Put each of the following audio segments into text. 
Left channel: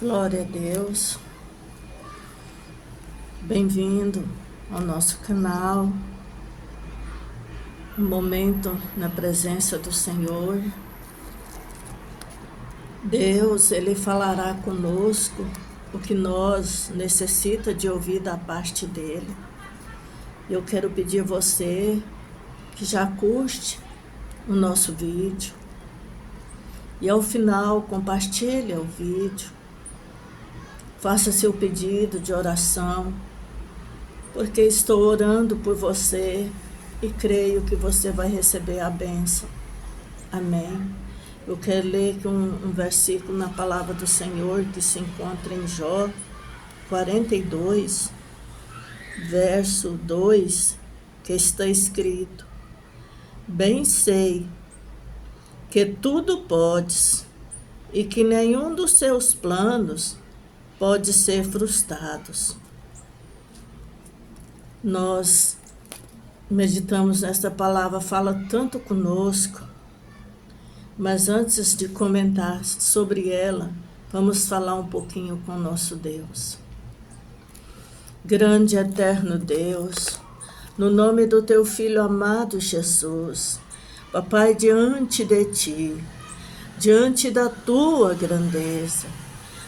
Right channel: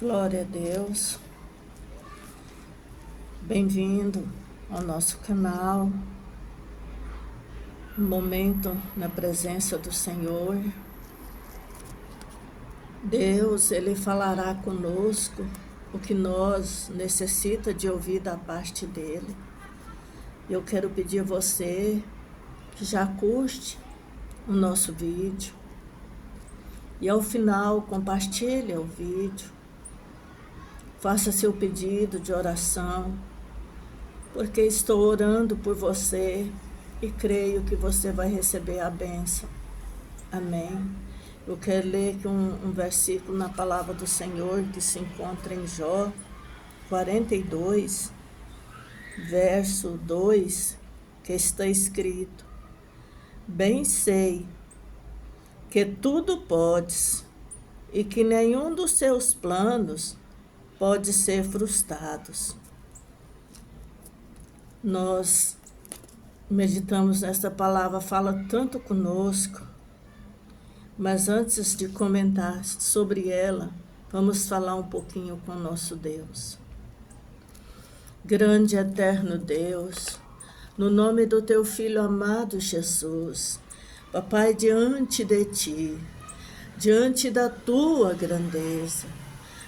Glória a Deus, bem-vindo ao nosso canal, um momento na presença do Senhor. Deus, Ele falará conosco o que nós necessita de ouvir da parte dEle. Eu quero pedir a você que já curte o nosso vídeo e ao final compartilhe o vídeo. Faça seu pedido de oração, porque estou orando por você e creio que você vai receber a bênção. Amém. Eu quero ler aqui um versículo na palavra do Senhor que se encontra em Jó 42, verso 2, que está escrito: Bem sei que tudo podes e que nenhum dos seus planos pode ser frustrados. Nós meditamos nesta palavra, fala tanto conosco, mas antes de comentar sobre ela, vamos falar um pouquinho com o nosso Deus. Grande e eterno Deus, no nome do teu Filho amado Jesus, Papai, diante de ti, diante da tua grandeza,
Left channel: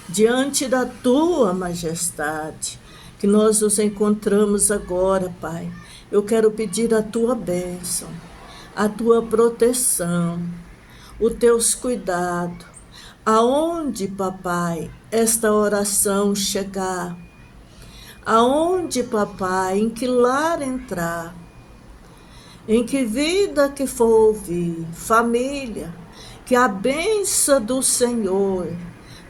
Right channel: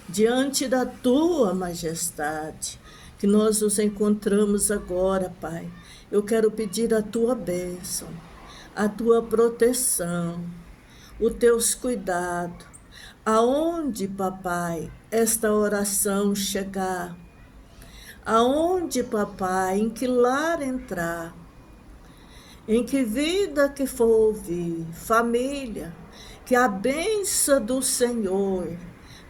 diante da tua majestade, que nós nos encontramos agora, Pai. Eu quero pedir a tua bênção, a tua proteção, os teus cuidados. Aonde, Papai, esta oração chegar, aonde, Papai, em que lar entrar, em que vida que for ouvir, família, que a bênção do Senhor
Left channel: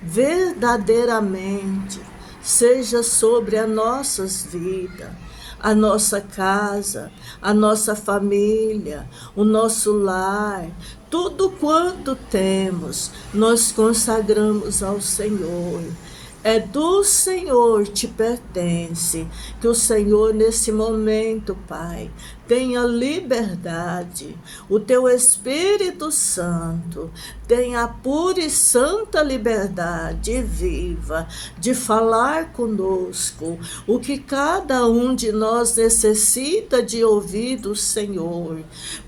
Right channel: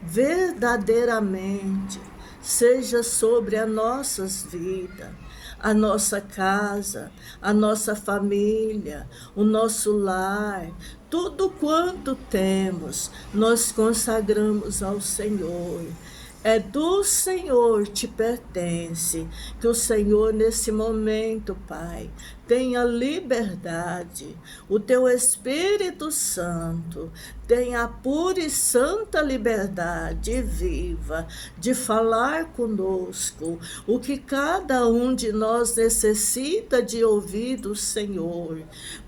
verdadeiramente seja sobre as nossas vidas, a nossa casa, a nossa família, o nosso lar, tudo quanto temos, nós consagramos ao Senhor. É do Senhor te pertence, que o Senhor nesse momento, Pai, tenha liberdade, o teu Espírito Santo tenha a pura e santa liberdade viva de falar conosco o que cada um de nós necessita de ouvir do Senhor,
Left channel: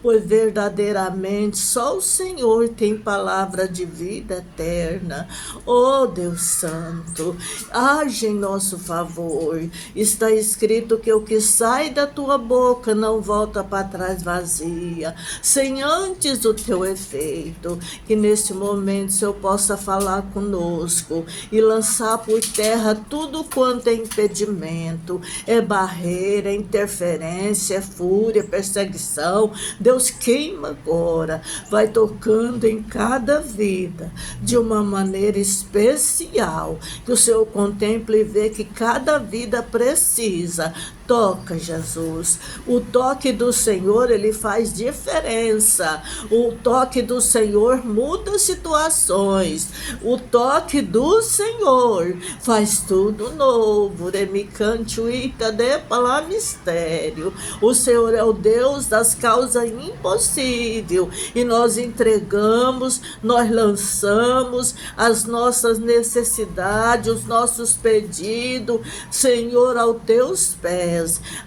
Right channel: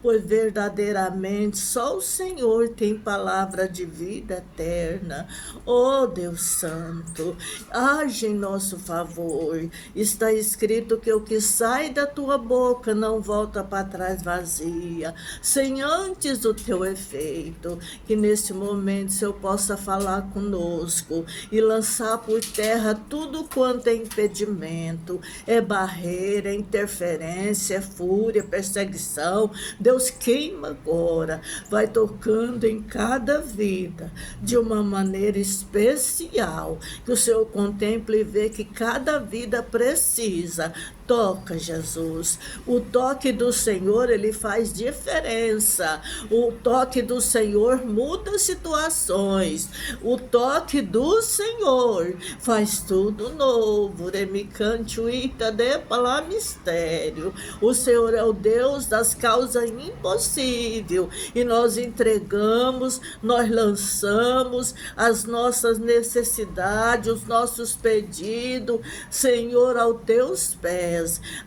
pois verdadeiramente só o Senhor tem palavra de vida eterna. Oh Deus Santo, age em nosso favor. Está escrito que o que sai da tua boca não volta para trás vazia, sem antes o teu efeito. Que nesse momento o Senhor possa falar conosco e lançar por terra tudo quanto é impedimento, é barreira, é interferência, é fúria, perseguição. Deus, queima agora, vai tocando em cada vida de uma maneira especial, que o Senhor contemple e vê que cada vida precisa. Toca, Jesus. O toque do Senhor, ele faz diferença. O toque do Senhor muda situações. O toque do Senhor faz tudo novo. Remicantuita de pala mistério. O Senhor é o Deus das causas impossíveis. E nós entregamos, nós lançamos as nossas necessidades, os nossos pedidos, Senhor, aos teus pés,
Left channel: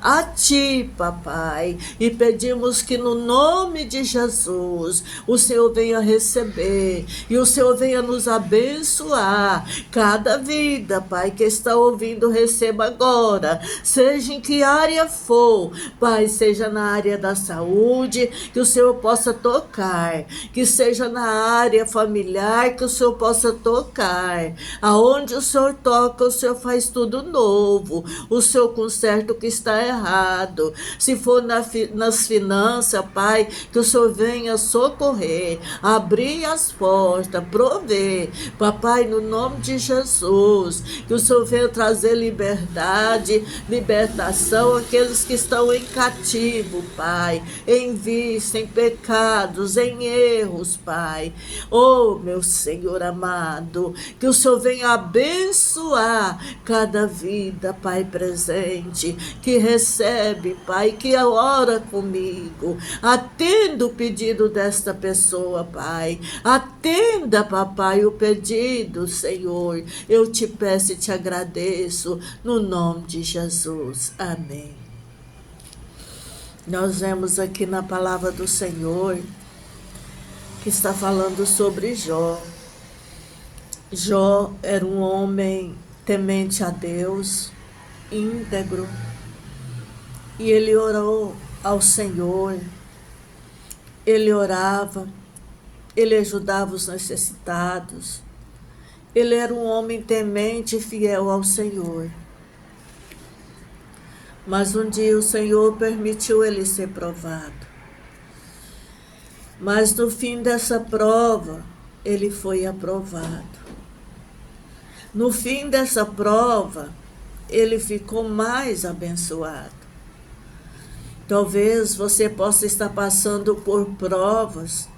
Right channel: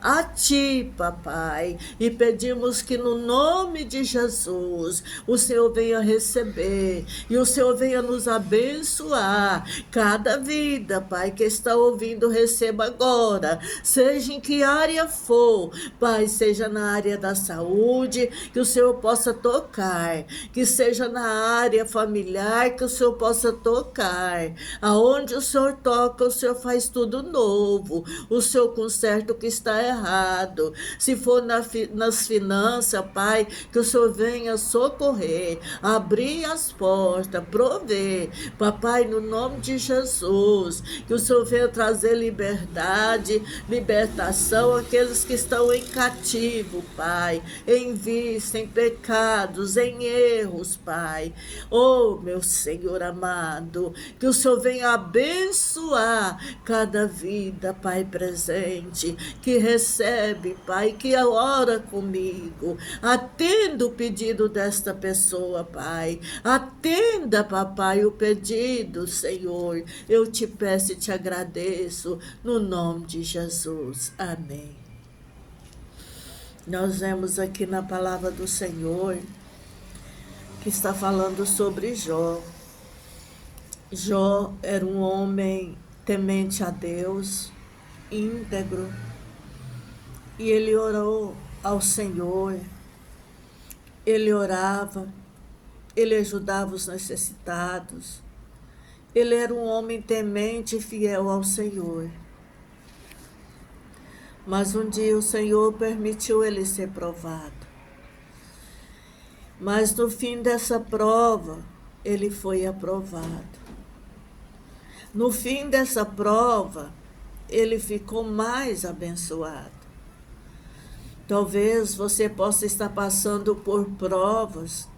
a ti, Papai, e pedimos que no nome de Jesus o Senhor venha receber e o Senhor venha nos abençoar. Cada vida, Pai, que está ouvindo, receba agora, seja em que área for, Pai, seja na área da saúde, que o Senhor possa tocar, que seja na área familiar, que o Senhor possa tocar. Aonde o Senhor toca, o Senhor faz tudo novo, o Senhor conserta o que está errado. Se for nas finanças, Pai, que o Senhor venha socorrer, abrir as portas, prover, Papai, no nome de Jesus, que o Senhor venha trazer liberdade, libertação àqueles que estão em cativo, Pai, em vício, em pecados, em erros, Pai. Oh, meu Senhor amado, que o Senhor venha abençoar cada vida, Pai, presente, que recebe, Pai, que ora comigo. Atenda o pedido desta pessoa, Pai. Atenda, papai, o pedido, Senhor. Eu te peço e te agradeço, no nome de Jesus. Amém. Nós vemos aqui na palavra do Senhor que está falando sobre Jó. Jó era um homem temente a Deus, íntegro, e ele orou ao Senhor, ele orava, ele ajudava os necessitados, ele era um homem temente e fiel ao Senhor. Mas um dia o Senhor permitiu ele ser provado. Mas no fim dessa prova, ele foi aprovado. No fim dessa prova, ele ficou mais abençoado. Talvez você possa estar passando por provas.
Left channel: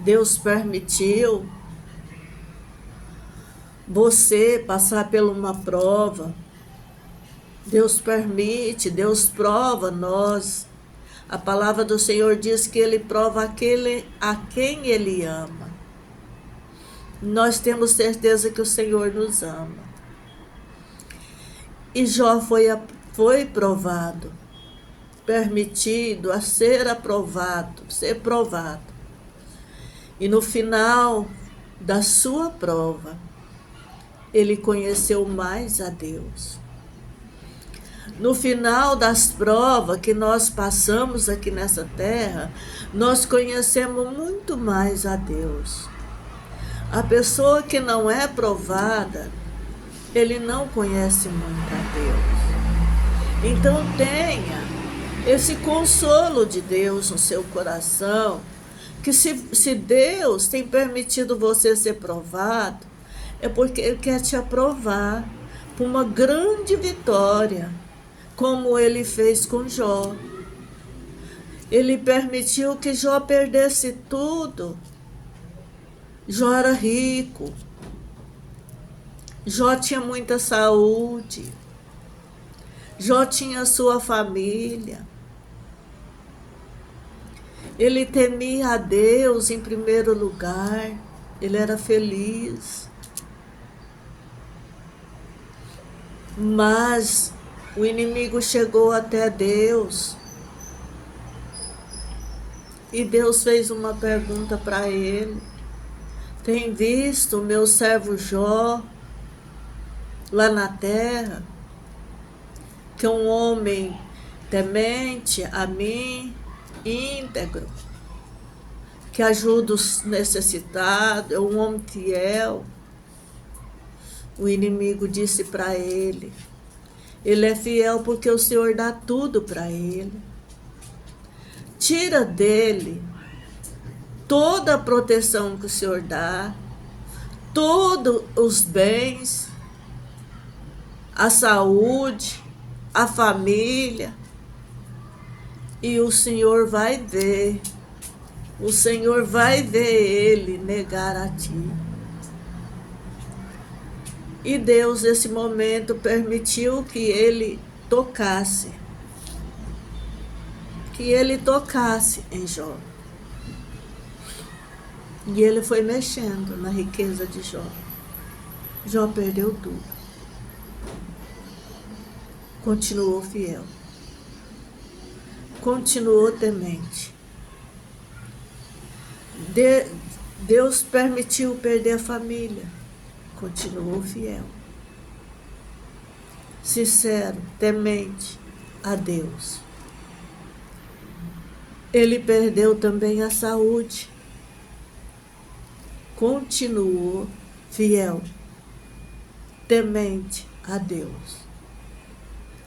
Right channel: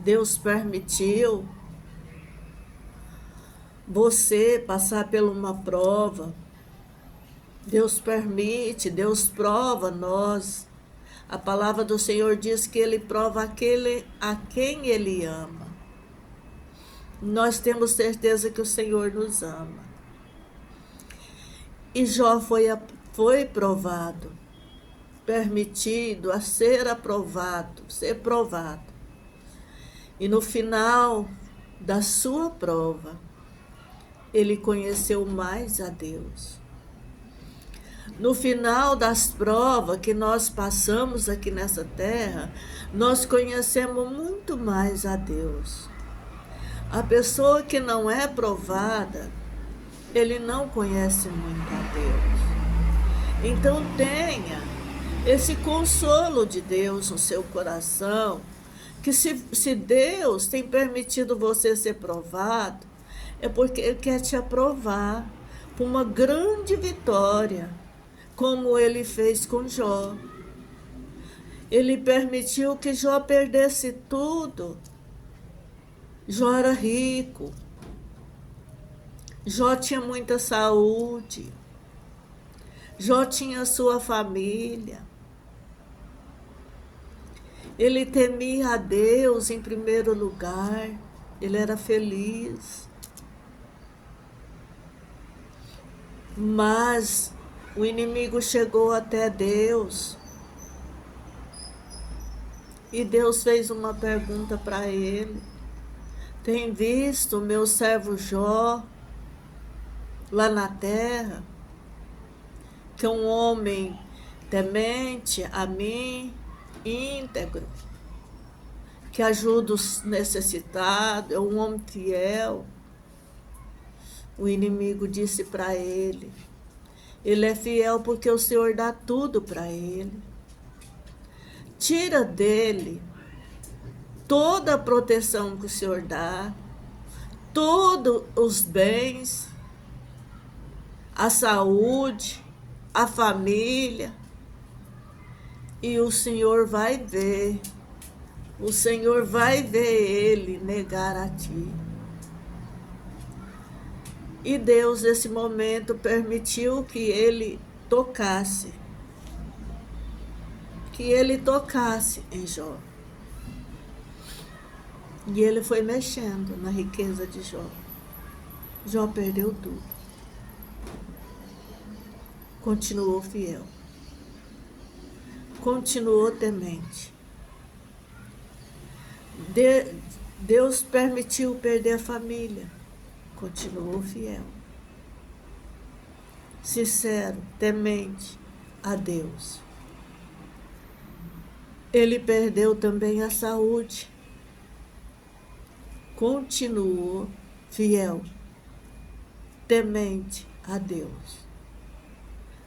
Deus permitiu você passar por uma prova. Deus permite, Deus prova nós. A palavra do Senhor diz que Ele prova aquele a quem Ele ama. Nós temos certeza que o Senhor nos ama. E Jó foi provado, permitido a ser aprovado, ser provado. E no final da sua prova, ele conheceu mais a Deus. No final das provas que nós passamos aqui nessa terra, nós conhecemos muito mais a Deus. A pessoa que não é provada, ele não conhece muito a Deus. Então tenha esse consolo de Deus no seu coração, que se Deus tem permitido você ser provado, é porque Ele quer te aprovar para uma grande vitória, como Ele fez com Jó. Ele permitiu que Jó perdesse tudo. Jó era rico, Jó tinha muita saúde, Jó tinha sua família. Ele temia a Deus em primeiro lugar, ele era feliz. Mas o inimigo chegou até Deus e Deus fez uma pergunta para ele. Tem visto o meu servo Jó lá na terra, que é um homem temente a mim, íntegro, que ajuda os necessitados, é um homem fiel. O inimigo disse para ele, ele é fiel porque o Senhor dá tudo para ele. Tira dele toda a proteção que o Senhor dá, todos os bens, a saúde, a família, e o Senhor vai ver ele negar a ti. E Deus, nesse momento, permitiu que ele tocasse em Jó. E ele foi mexendo na riqueza de Jó. Jó perdeu tudo. Continuou fiel. Continuou temente. Deus permitiu perder a família. Continuou fiel. Sincero, temente a Deus. Ele perdeu também a saúde. Continuou fiel, temente a Deus.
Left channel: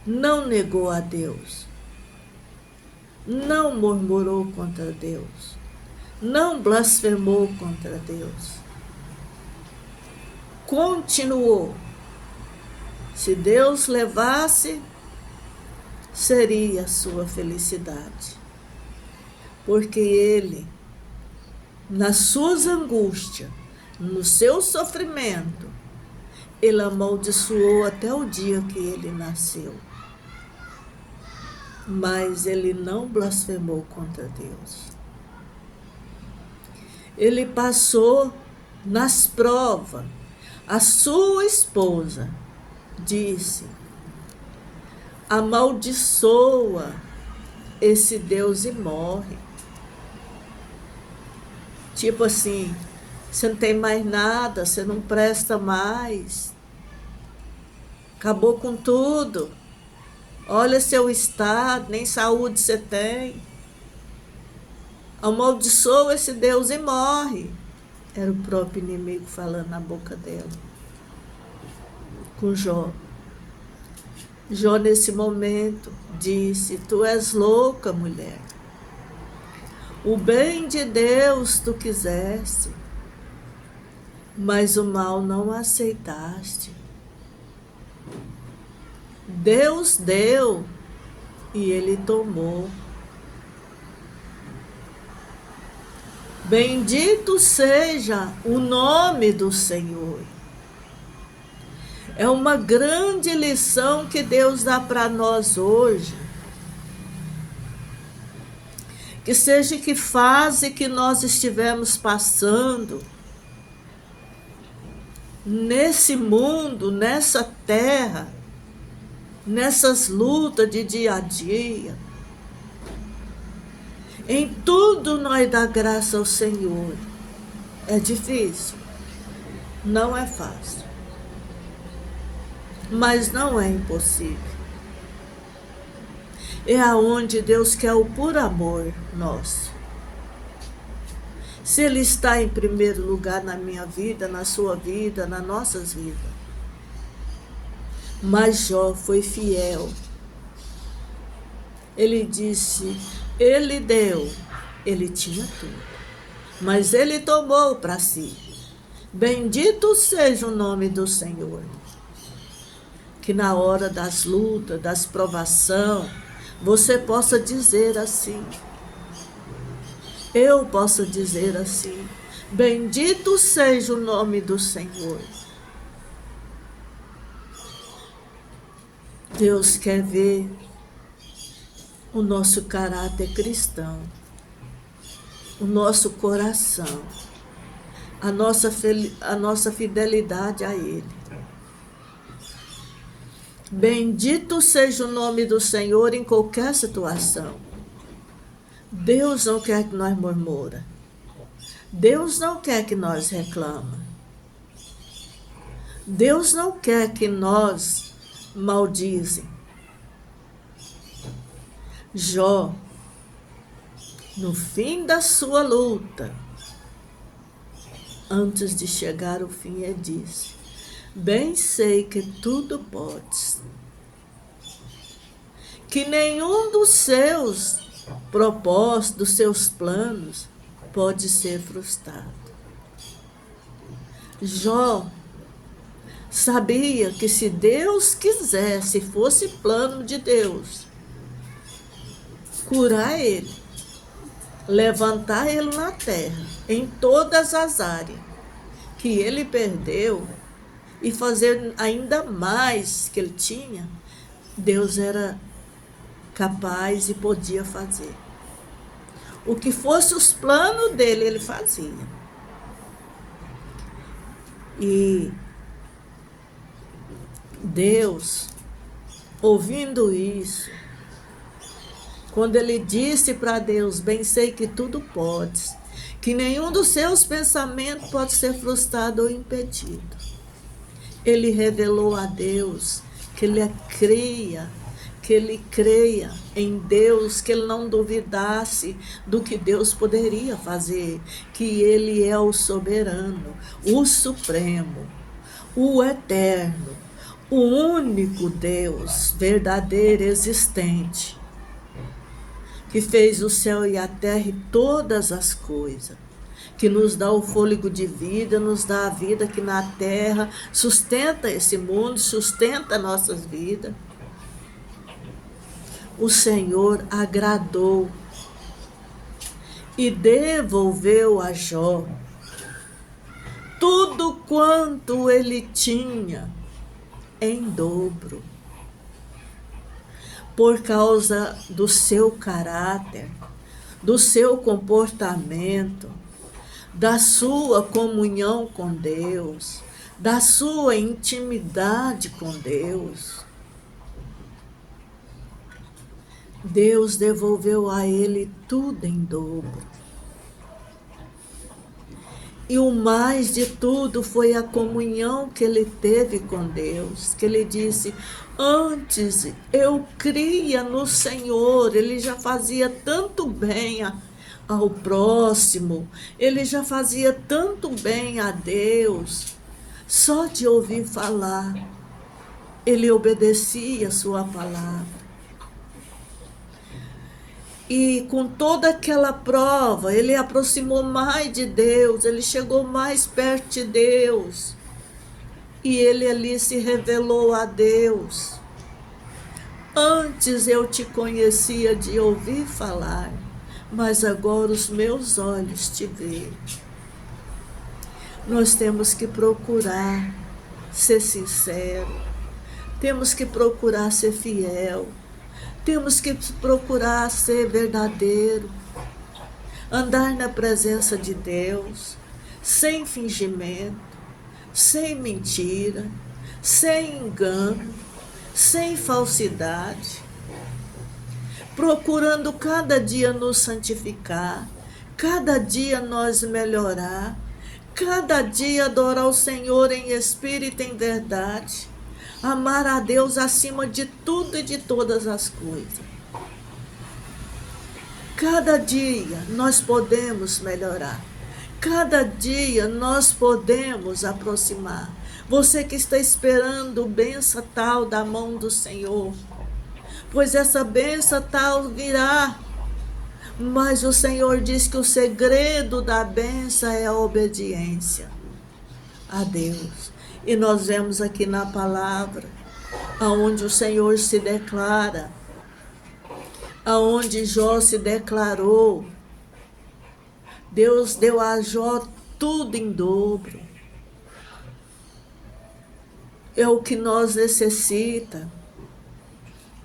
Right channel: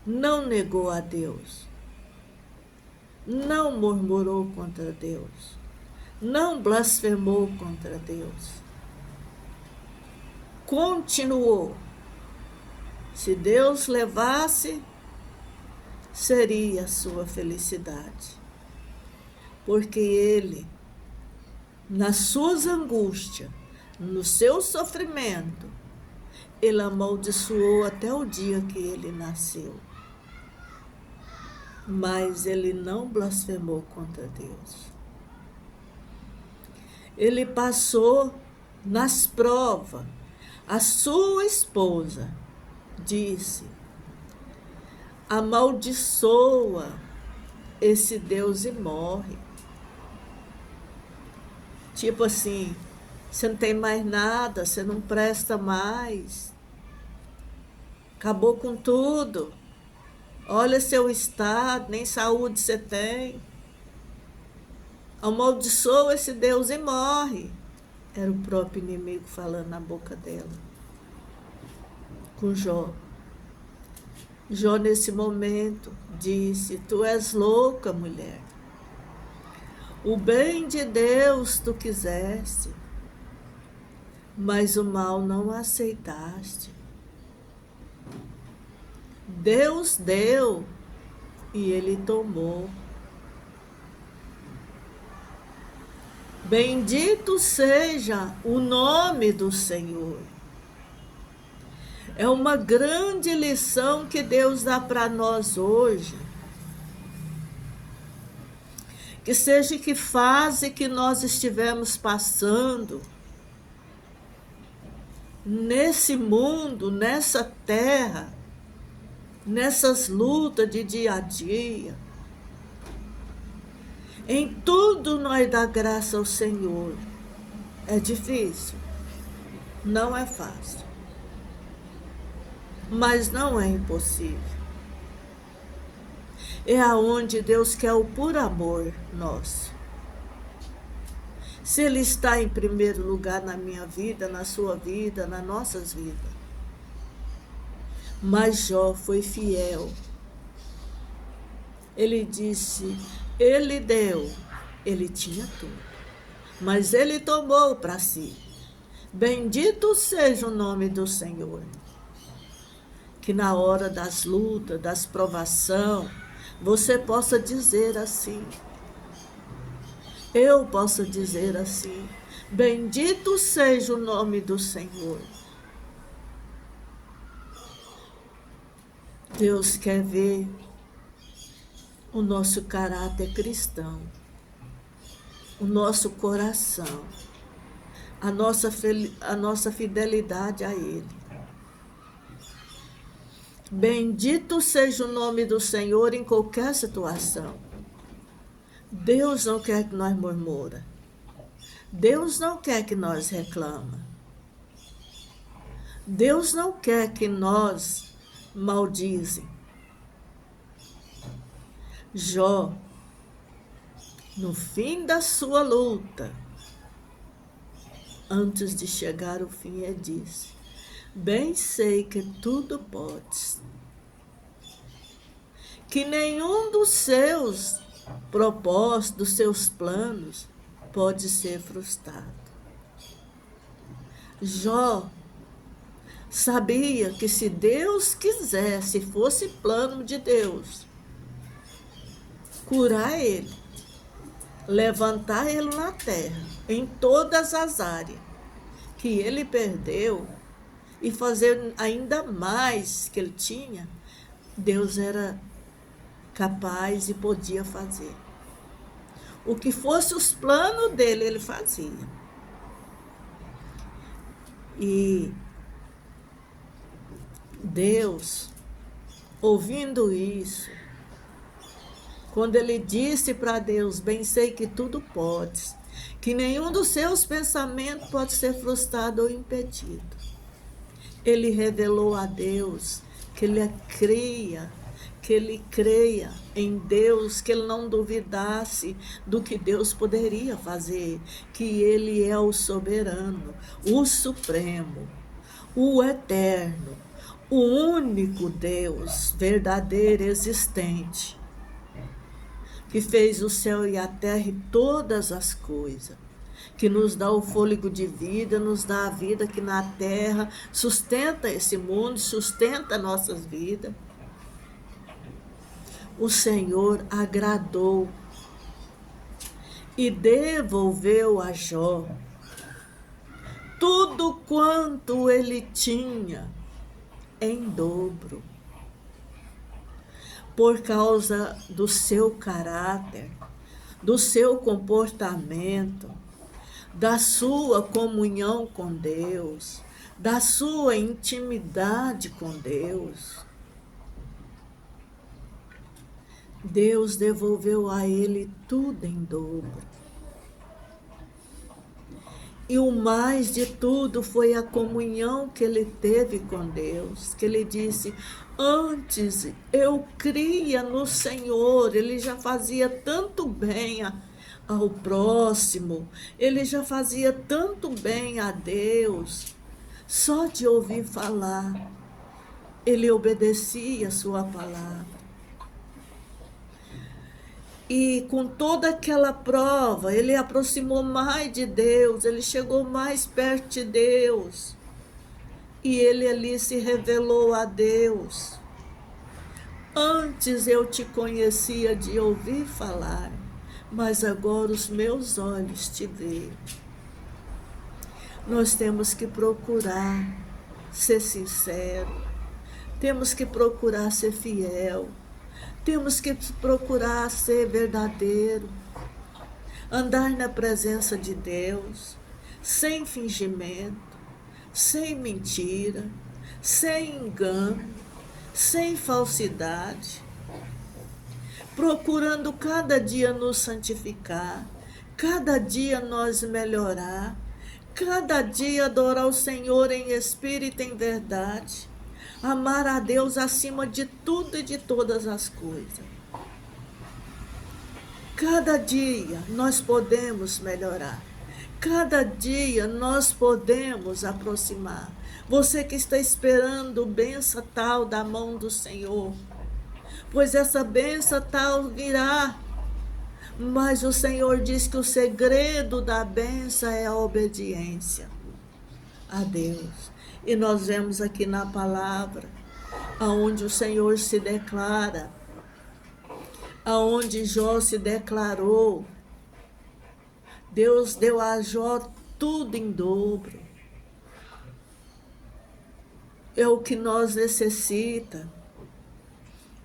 Não negou a Deus. Não murmurou contra Deus. Não blasfemou contra Deus. Continuou. Se Deus levasse, seria a sua felicidade. Porque ele, nas suas angústias, no seu sofrimento, ele amaldiçoou até o dia que ele nasceu. mas ele não blasfemou contra Deus. Ele passou nas provas. A sua esposa disse: amaldiçoa esse Deus e morre. Tipo assim, você não tem mais nada, você não presta mais. Acabou com tudo. Olha seu estado, nem saúde você tem. Amaldiçoa esse Deus e morre. Era o próprio inimigo falando na boca dela. Com Jó. Jó, nesse momento, disse: tu és louca, mulher. O bem de Deus tu quiseste, mas o mal não aceitaste. Deus deu e ele tomou. Bendito seja o nome do Senhor. É uma grande lição que Deus dá para nós hoje. Que seja que fase que nós estivemos passando, nesse mundo, nessa terra, nessas lutas de dia a dia, em tudo nós dá graça ao Senhor. É difícil, não é fácil, mas não é impossível. É aonde Deus quer o puro amor nosso. Se Ele está em primeiro lugar na minha vida, na sua vida, nas nossas vidas. Mas Jó foi fiel. Ele disse: ele deu, ele tinha tudo, mas ele tomou para si. Bendito seja o nome do Senhor. Que na hora das lutas, das provações, você possa dizer assim. Eu posso dizer assim: bendito seja o nome do Senhor. Deus quer ver o nosso caráter cristão, o nosso coração, a nossa fidelidade a Ele. Bendito seja o nome do Senhor em qualquer situação. Deus não quer que nós murmura. Deus não quer que nós reclama. Deus não quer que nós maldizem. Jó, no fim da sua luta, antes de chegar ao fim, ele disse: bem sei que tudo podes, que nenhum dos seus propósitos, dos seus planos, pode ser frustrado. Jó sabia que se Deus quisesse, fosse plano de Deus, curar ele, levantar ele na terra, em todas as áreas que ele perdeu, e fazer ainda mais que ele tinha, Deus era capaz e podia fazer. O que fosse os planos dele, ele fazia. E Deus, ouvindo isso, quando ele disse para Deus: bem sei que tudo podes, que nenhum dos seus pensamentos pode ser frustrado ou impedido, ele revelou a Deus que ele creia em Deus, que ele não duvidasse do que Deus poderia fazer, que ele é o soberano, o supremo, o eterno, o único Deus verdadeiro, existente, que fez o céu e a terra e todas as coisas, que nos dá o fôlego de vida, nos dá a vida aqui na terra, sustenta esse mundo, sustenta nossas vidas. O Senhor agradou e devolveu a Jó tudo quanto ele tinha em dobro. por causa do seu caráter, do seu comportamento, da sua comunhão com Deus, da sua intimidade com Deus. Deus devolveu a ele tudo em dobro. E o mais de tudo foi a comunhão que ele teve com Deus, que ele disse: antes eu cria no Senhor. Ele já fazia tanto bem ao próximo, ele já fazia tanto bem a Deus, só de ouvir falar, ele obedecia a sua palavra. E com toda aquela prova, ele aproximou mais de Deus, ele chegou mais perto de Deus. E ele ali se revelou a Deus. Antes eu te conhecia de ouvir falar, mas agora os meus olhos te veem. Nós temos que procurar ser sincero, temos que procurar ser fiel, temos que procurar ser verdadeiro, andar na presença de Deus, sem fingimento, sem mentira, sem engano, sem falsidade, procurando cada dia nos santificar, cada dia nós melhorar, cada dia adorar o Senhor em espírito e em verdade, amar a Deus acima de tudo e de todas as coisas. Cada dia nós podemos melhorar, cada dia nós podemos aproximar. Você que está esperando bênção tal da mão do Senhor, pois essa bênção tal virá. Mas o Senhor diz que o segredo da bênção é a obediência a Deus. E nós vemos aqui na palavra, aonde o Senhor se declara, aonde Jó se declarou, Deus deu a Jó tudo em dobro. É o que nós necessitamos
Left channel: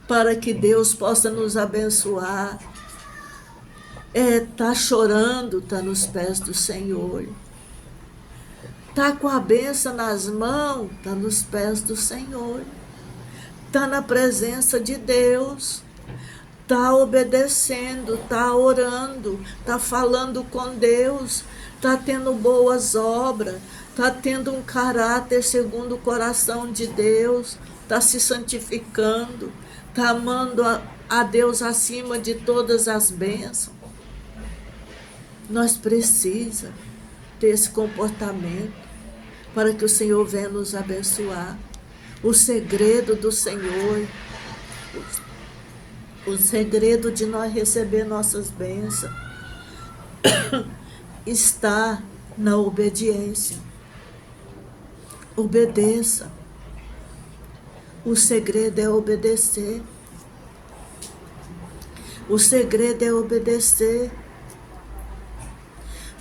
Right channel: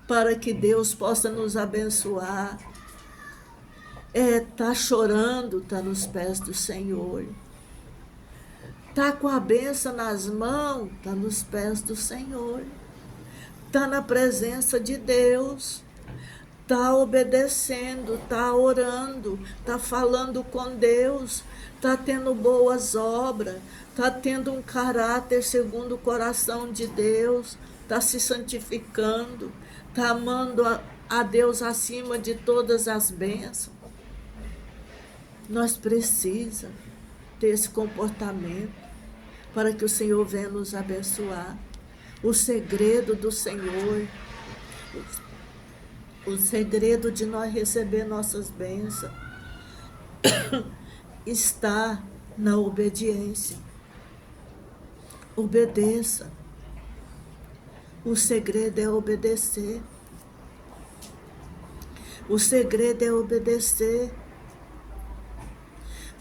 para que Deus possa nos abençoar. Tá chorando, tá nos pés do Senhor. Tá com a bênção nas mãos, tá nos pés do Senhor. Tá na presença de Deus. Tá obedecendo, tá orando, tá falando com Deus, tá tendo boas obras, tá tendo um caráter segundo o coração de Deus, tá se santificando, tá amando a Deus acima de todas as bênçãos. Nós precisamos ter esse comportamento para que o Senhor venha nos abençoar. O segredo do Senhor, o segredo de nós receber nossas bênçãos está na obediência. Obedeça. O segredo é obedecer. O segredo é obedecer.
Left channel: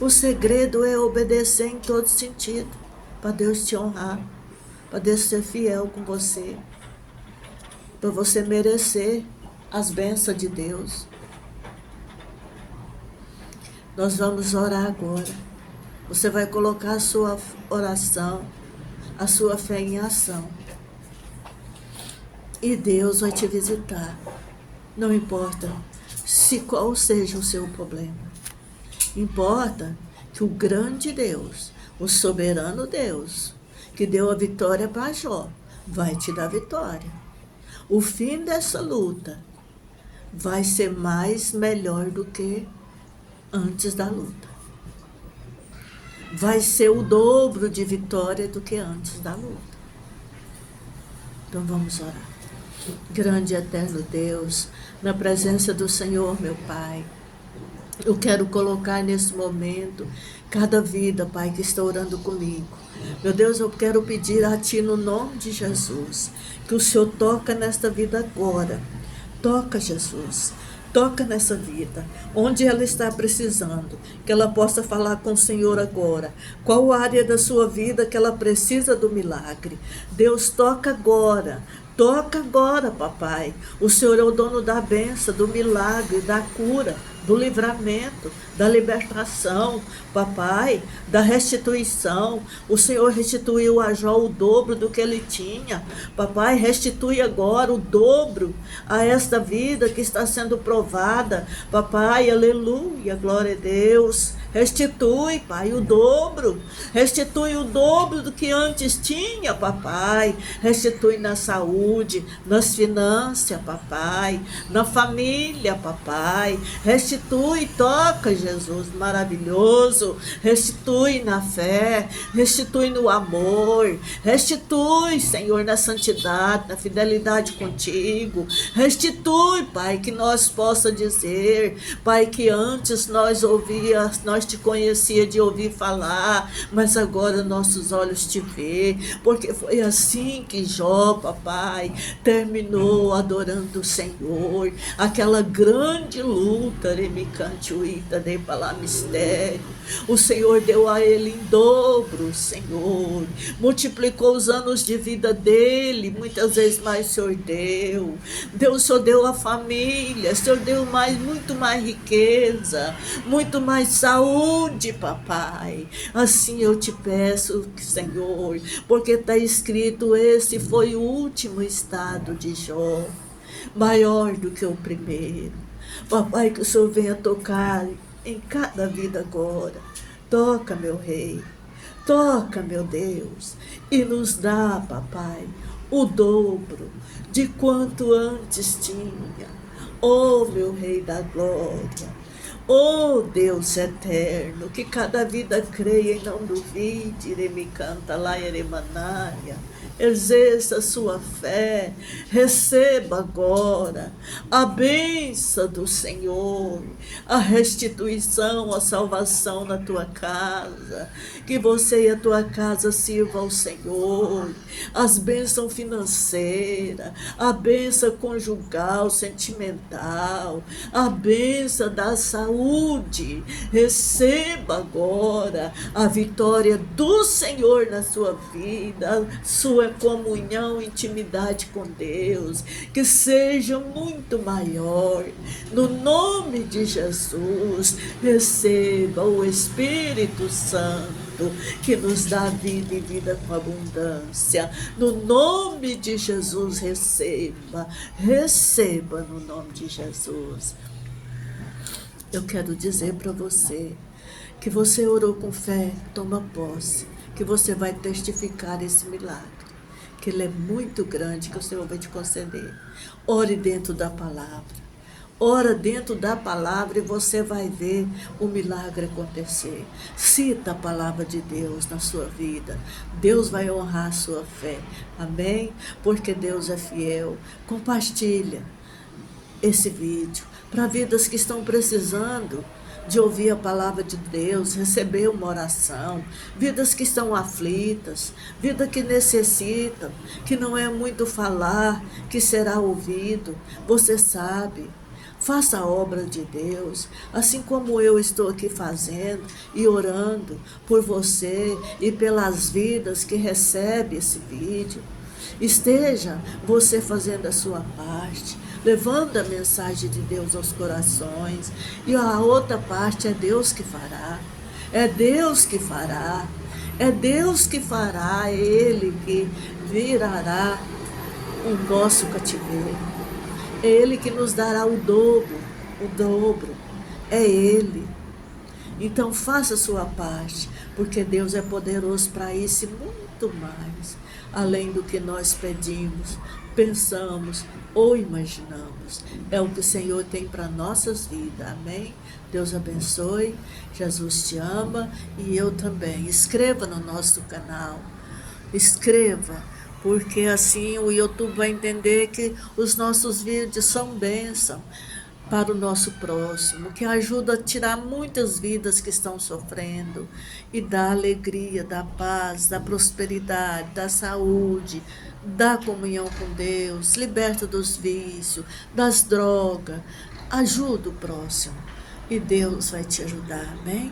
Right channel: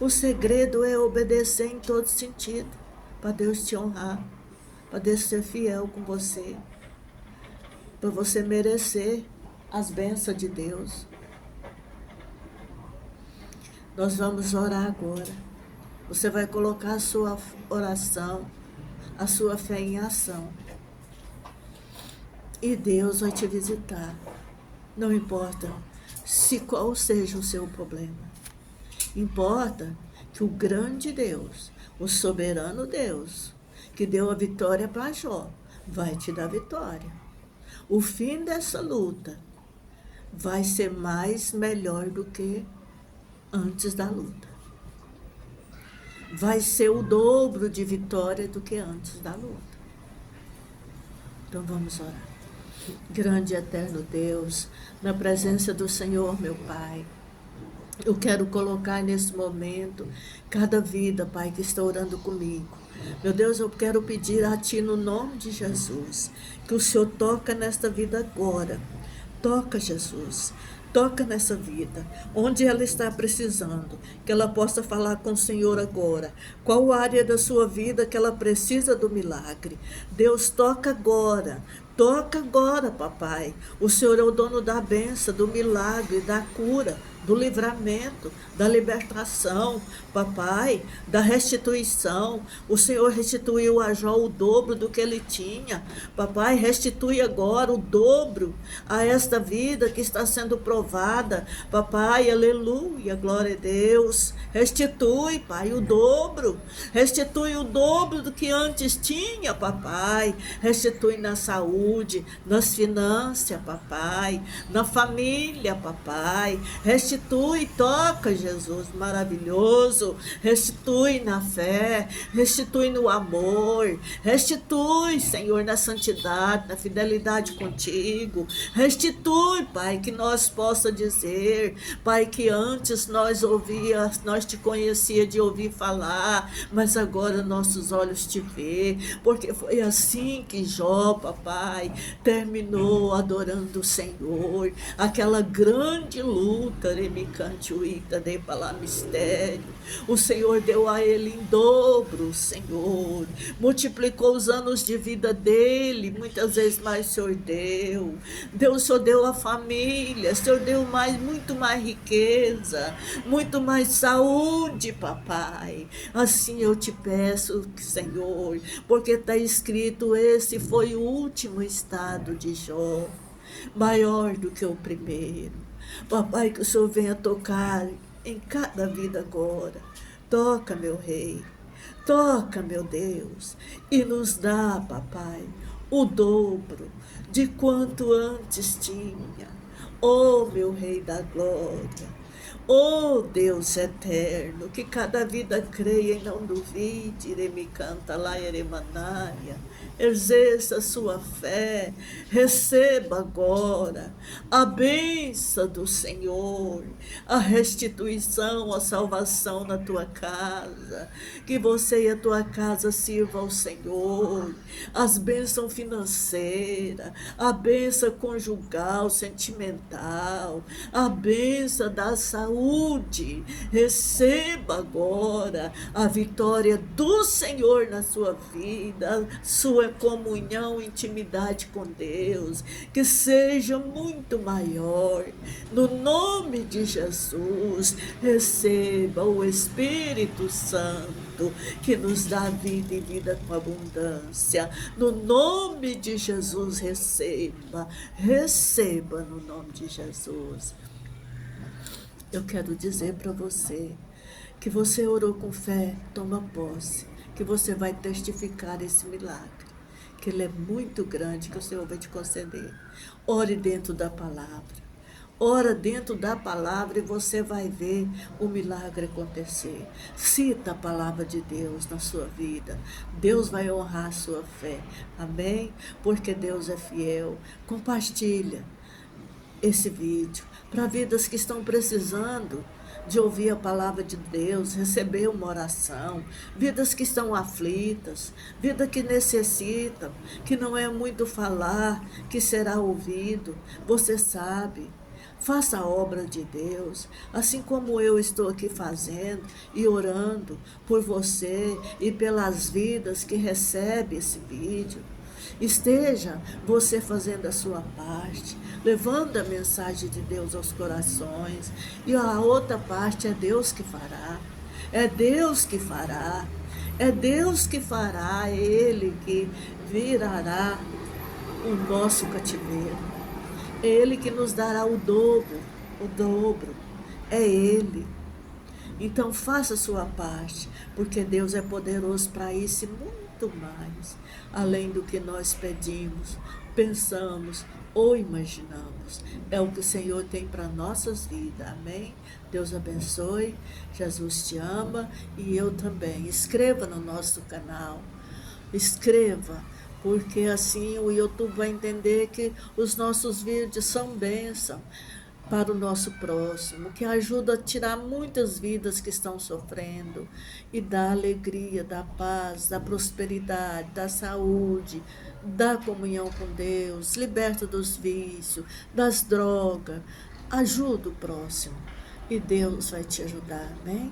O segredo é obedecer em todo sentido, para Deus te honrar, para Deus ser fiel com você, para você merecer as bênçãos de Deus. Nós vamos orar agora. Você vai colocar a sua oração, a sua fé em ação. E Deus vai te visitar. Não importa qual seja o seu problema. Importa que o grande Deus, o soberano Deus, que deu a vitória para Jó, vai te dar vitória. O fim dessa luta vai ser melhor do que antes da luta. Vai ser o dobro de vitória do que antes da luta. Então vamos orar. Grande e eterno Deus, na presença do Senhor, meu Pai, eu quero colocar nesse momento cada vida, Pai, que está orando comigo. Meu Deus, eu quero pedir a Ti, no nome de Jesus, que o Senhor toca nesta vida agora. Toca, Jesus. Toca nessa vida, onde ela está precisando, que ela possa falar com o Senhor agora. Qual área da sua vida que ela precisa do milagre? Deus, toca agora. Toca agora, papai. O Senhor é o dono da bênção, do milagre, da cura, do livramento, da libertação, papai, da restituição. O Senhor restituiu a Jó o dobro do que ele tinha. Papai, restitui agora o dobro a esta vida que está sendo provada. Papai, aleluia, glória a Deus. Restitui, Pai, o dobro. Restitui o dobro do que antes tinha, papai. Restitui na saúde, nas finanças, papai, na família, papai. Restitui, toca, Jesus, maravilhoso. Restitui na fé, restitui no amor. Restitui, Senhor, na santidade, na fidelidade contigo. Restitui, Pai, que nós possa dizer, Pai, que antes nós te conhecia de ouvir falar, mas agora nossos olhos te vê, porque foi assim que Jó, papai, terminou adorando o Senhor, aquela grande luta, remicantuíta, de palavra mistério. O Senhor deu a ele em dobro, Senhor, multiplicou os anos de vida dele, muitas vezes mais o Senhor deu. Deus só deu a família, o Senhor deu muito mais riqueza, muito mais saúde, papai. Assim eu te peço, Senhor, porque está escrito, esse foi o último estado de Jó, maior do que o primeiro. Papai, que o Senhor venha tocar em cada vida agora. Toca, meu Rei, toca, meu Deus, e nos dá, papai, o dobro de quanto antes tinha. Oh, meu Rei da glória, oh, Deus eterno, que cada vida creia e não duvide, me canta lá, Eremanária. Exerça a sua fé, receba agora a bênção do Senhor, a restituição, a salvação na tua casa, que você e a tua casa sirvam ao Senhor, as bênçãos financeiras, a bênção conjugal, sentimental, a bênção da saúde. Receba agora a vitória do Senhor na sua vida, sua comunhão, intimidade com Deus, que seja muito maior. No nome de Jesus, receba o Espírito Santo, que nos dá vida e vida com abundância. No nome de Jesus, receba, receba no nome de Jesus. Eu quero dizer para você que você orou com fé, toma posse, que você vai testificar esse milagre, que ele é muito grande, que o Senhor vai te conceder. Ore dentro da palavra. Ora dentro da palavra e você vai ver o milagre acontecer. Cita a palavra de Deus na sua vida. Deus vai honrar a sua fé. Amém? Porque Deus é fiel. Compartilha esse vídeo para vidas que estão precisando de ouvir a palavra de Deus, receber uma oração, vidas que estão aflitas, vidas que necessitam, que não é muito falar, que será ouvido. Você sabe. Faça a obra de Deus, assim como eu estou aqui fazendo e orando por você e pelas vidas que recebem esse vídeo. Esteja você fazendo a sua parte, levando a mensagem de Deus aos corações, e a outra parte é Deus que fará. É Deus que fará. É Deus que fará, é Ele que virará o nosso cativeiro. É Ele que nos dará o dobro, o dobro. É Ele. Então faça a sua parte, porque Deus é poderoso para isso e muito mais, além do que nós pedimos, pensamos ou imaginamos. É o que o Senhor tem para nossas vidas. Amém? Deus abençoe. Jesus te ama e eu também. Inscreva no nosso canal. Inscreva, porque assim o YouTube vai entender que os nossos vídeos são bênção para o nosso próximo, que ajuda a tirar muitas vidas que estão sofrendo e dá alegria, dá paz, dá prosperidade, dá saúde, dá comunhão com Deus, liberta dos vícios, das drogas, Ajuda o próximo e Deus vai te ajudar, amém?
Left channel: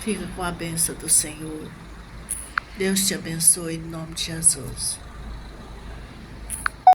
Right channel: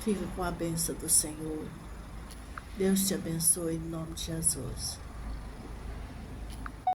Fica com a bênção do Senhor. Deus te abençoe em nome de Jesus.